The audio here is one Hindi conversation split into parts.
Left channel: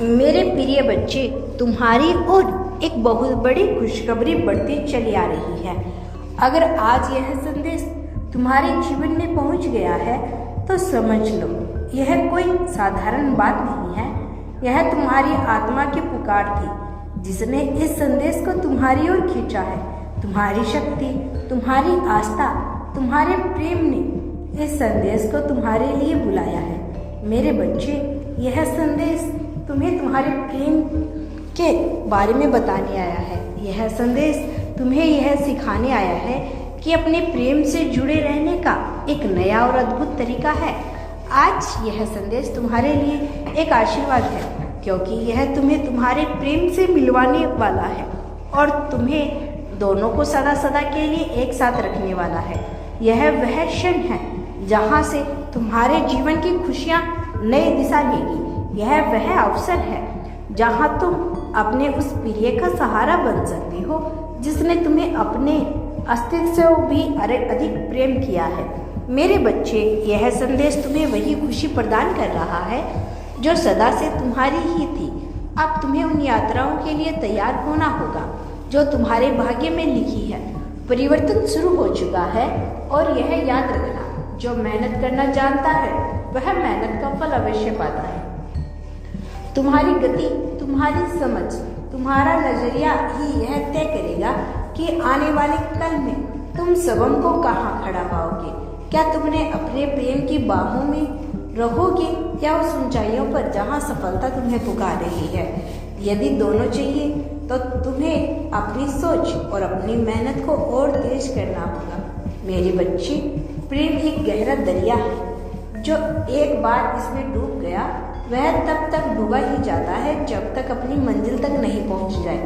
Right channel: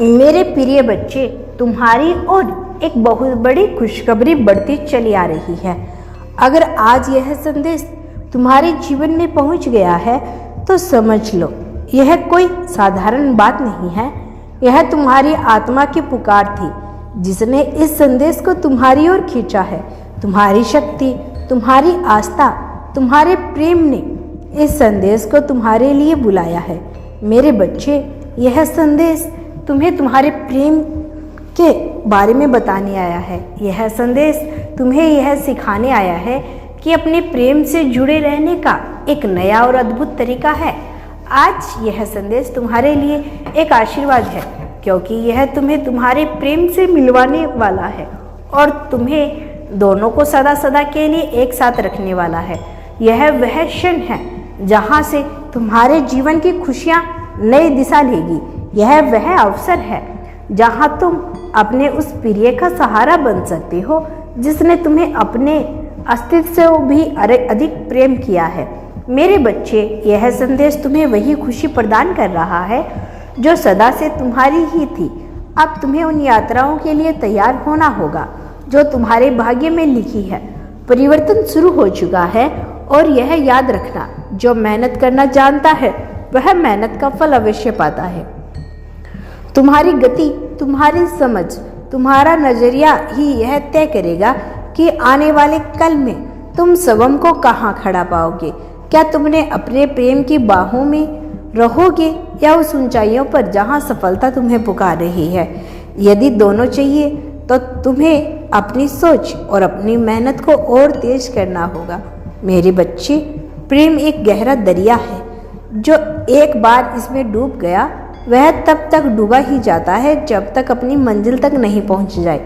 मेरे प्रिय बच्चे, तुम्हारी ओर एक बहुत बड़ी खुशखबरी बढ़ती चली आ रही है। अगर आज यह संदेश तुम्हारे जीवन में पहुंच गया है तो समझ लो, यह कोई साधारण बात नहीं है। यह तुम्हारी आत्मा की पुकार थी जिसने इस संदेश को तुम्हारी ओर खींचा है। तुम्हारी शक्ति, तुम्हारी आस्था, तुम्हारे प्रेम ने इस संदेश को तुम्हारे लिए बुलाया है। मेरे बच्चे, यह संदेश तुम्हें तुम्हारे प्रेम के बारे में बताने आया है। यह संदेश तुम्हें यह सिखाने आया है कि अपने प्रेम से जुड़े रहने का एक नया और अद्भुत तरीका है। आज यह संदेश तुम्हारे लिए एक आशीर्वाद है, क्योंकि यह तुम्हें तुम्हारे प्रेम से मिलवाने वाला है और तुम्हें दोनों को सदा सदा के लिए एक साथ रखने वाला है। यह वह क्षण है जहां से तुम्हारे जीवन की खुशियां नई दिशा लेगी। यह वह अवसर है जहां तुम अपने उस प्रिय का सहारा बन सकते हो जिसने तुम्हें अपने अस्तित्व से भी अधिक प्रेम किया है। मेरे बच्चे, यह संदेश तुम्हें वही खुशी प्रदान कर रहा है जो सदा से तुम्हारी ही थी। अब तुम्हें उन यात्राओं के लिए तैयार होना होगा जो तुम्हारे भाग्य में लिखी है। परिवर्तन शुरू हो चुका है और यह याद रखना, जो मेहनत करना जानता है वह मेहनत का फल अवश्य पाता है। तुम्हारी गति, तुम्हारी समझ, तुम्हारा नजरिया ही यह तय करेगा कि आने वाले कल में तुम स्वयं को कहाँ खड़ा पाओगे। क्या तुमने अपने प्रेम की बाहों में रहोगे या उस ऊंचाइयों पर जहाँ सफलता तुम्हें पुकार रही है। यदि दोनों चाहिए तो तुम्हें अपनी सोच और अपनी मेहनत को और तेज करना होगा। मेरे बच्चे, प्रेम एक गहरा दरिया है। जो एक बार इसमें डूब गया वह तब तक डूबा ही जाता है जब तक अपनी मंजिल तक नहीं पहुंच जाए।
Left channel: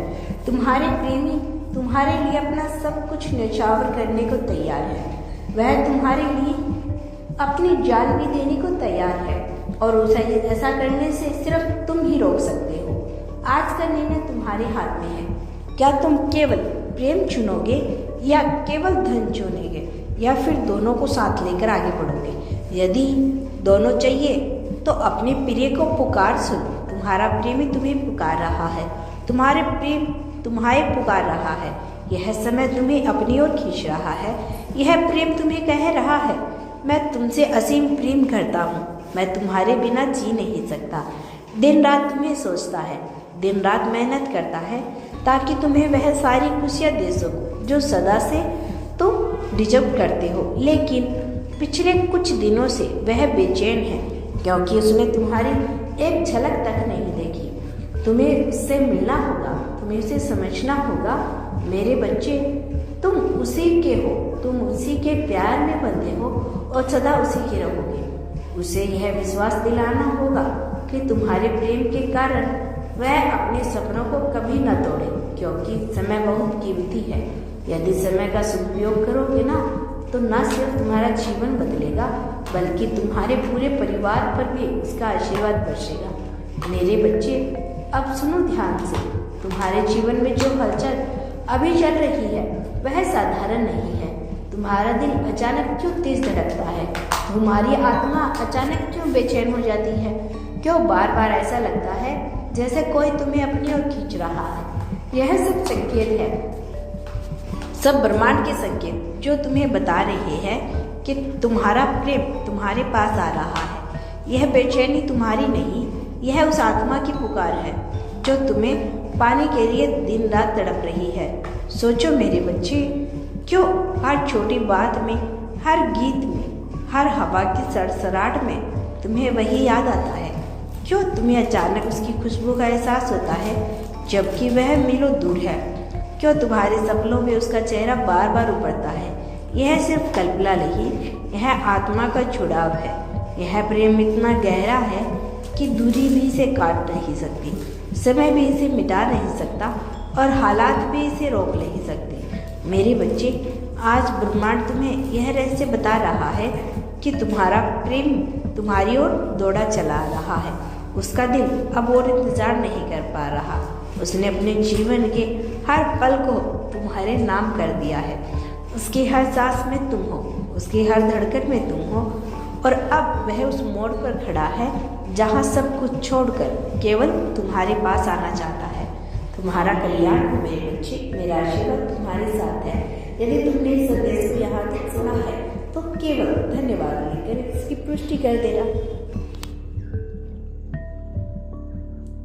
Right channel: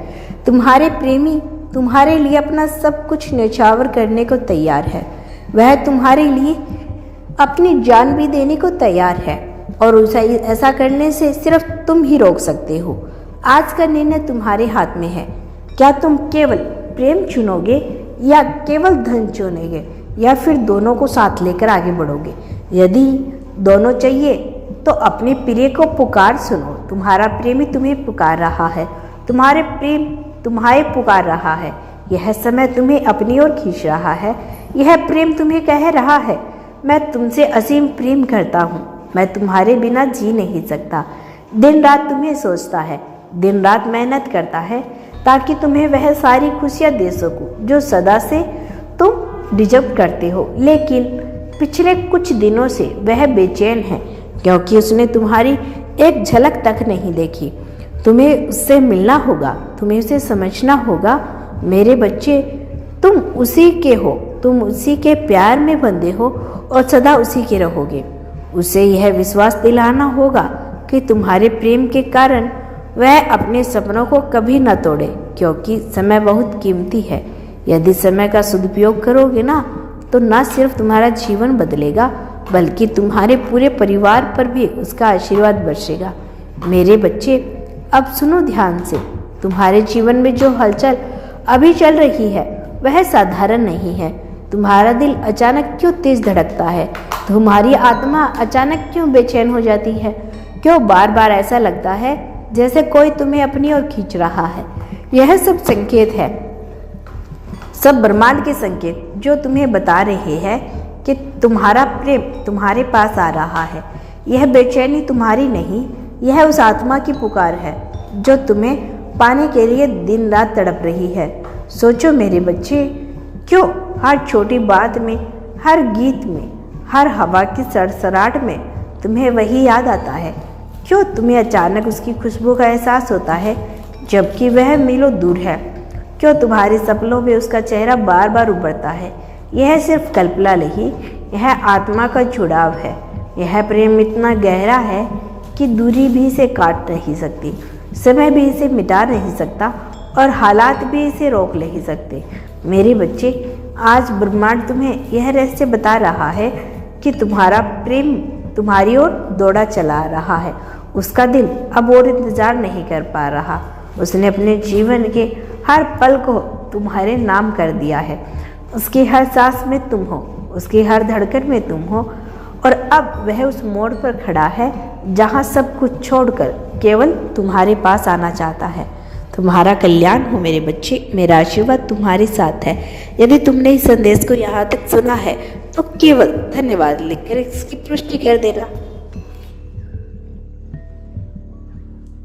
तुम्हारे प्रेमी तुम्हारे लिए अपना सब कुछ न्यौछावर करने को तैयार है। वह तुम्हारे लिए अपनी जान भी देने को तैयार है और उसे ऐसा करने से सिर्फ तुम ही रोक सकते हो। आज का निर्णय तुम्हारे हाथ में है। क्या तुम केवल प्रेम चुनोगे या केवल धन चुनोगे, या फिर दोनों को साथ लेकर आगे बढ़ोगे। यदि दोनों चाहिए तो अपने प्रिय को पुकार सुनो। तुम्हारा प्रेमी तुम्हें पुकार रहा है, तुम्हारे प्रेम तुम्हें पुकार रहा है। यह समय तुम्हें अपनी ओर खींच रहा है। यह प्रेम तुम्हें कह रहा है, मैं तुमसे असीम प्रेम करता हूँ, मैं तुम्हारे बिना जी नहीं सकता। दिन रात तुम्हें सोचता है, दिन रात मेहनत करता है ताकि तुम्हें वह सारी खुशियाँ दे सकूँ जो सदा से तुम डिजर्व करते हो। लेकिन पिछले कुछ दिनों से वह बेचैन है क्योंकि उसने तुम्हारी एक झलक तक नहीं देखी। तुम्हें उससे मिलना होगा, तुम्हें उसे समझना होगा। मेरे बच्चे, तुम उसी के हो, तुम उसी के प्यार में बंधे हो और सदा उसी के रहोगे। उसे यह विश्वास दिलाना होगा कि तुम्हारे प्रेम के कारण वह अपने सपनों को कभी न तोड़े, क्योंकि समय बहुत कीमती है। यदि समय का सदुपयोग करोगे ना, तो न सिर्फ तुम्हारा जीवन बदलेगा बल्कि तुम्हारे पूरे परिवार पर भी उसका आशीर्वाद बरसेगा। मेरे बच्चे, अब सुनो ध्यान से। तुम्हारे जीवन में जो हलचल अभी चल रही है वह साधारण नहीं है। तुम्हारा दिल अचानक क्यों तेज धड़कता है? तुम्हारी आत्मा अचानक क्यों बेचैन हो जाती है? क्यों बार बार ऐसा लगता है जैसे कोई तुम्हें अपनी ओर खींच रहा है? यह सब संकेत है, सब ब्रह्मांड के संकेत जो तुम्हें बता रहे हैं कि तुम्हारा प्रेम तुम्हारे पास आ रहा है। यह बेचैनी तुम्हारी नहीं, यह उस आत्मा की पुकार है जो तुम्हें पाने के लिए दिन रात तड़प रही है। सोचो मेरे बच्चे, क्यों हर छोटी बात में, हर गीत में, हर हवा की सरसराहट में तुम्हें वही याद आता है? क्यों तुम्हें अचानक उसकी खुशबू का एहसास होता है जबकि वह मीलों दूर है? क्यों तुम्हारे सपनों में उसका चेहरा बार बार उभरता है? यह सिर्फ कल्पना नहीं, यह आत्मा का जुड़ाव है। यह प्रेम इतना गहरा है कि दूरी भी इसे काट नहीं सकती, समय भी इसे मिटा नहीं सकता और हालात भी इसे रोक नहीं सकते। मेरे बच्चे, आज ब्रह्मांड तुम्हें यह रहस्य बता रहा है कि तुम्हारा प्रेम तुम्हारी ओर दौड़ा चला रहा है। उसका दिल अब और इंतजार नहीं कर पा रहा। उसने अपने जीवन के हर पल को तुम्हारे नाम कर दिया है। उसकी हर सांस में तुम हो, उसकी हर धड़कन में तुम हो और अब वह उस मोड़ पर खड़ा है जहाँ सब कुछ छोड़कर केवल तुम्हारे पास आना चाहता है। तुम्हारा कल्याण हो मेरे बच्चे, मेरा आशीर्वाद तुम्हारे साथ है। यदि तुमने इस संदेश को यहाँ तक सुना है तो केवल धन्यवाद लिखकर इसकी पुष्टि कर देना।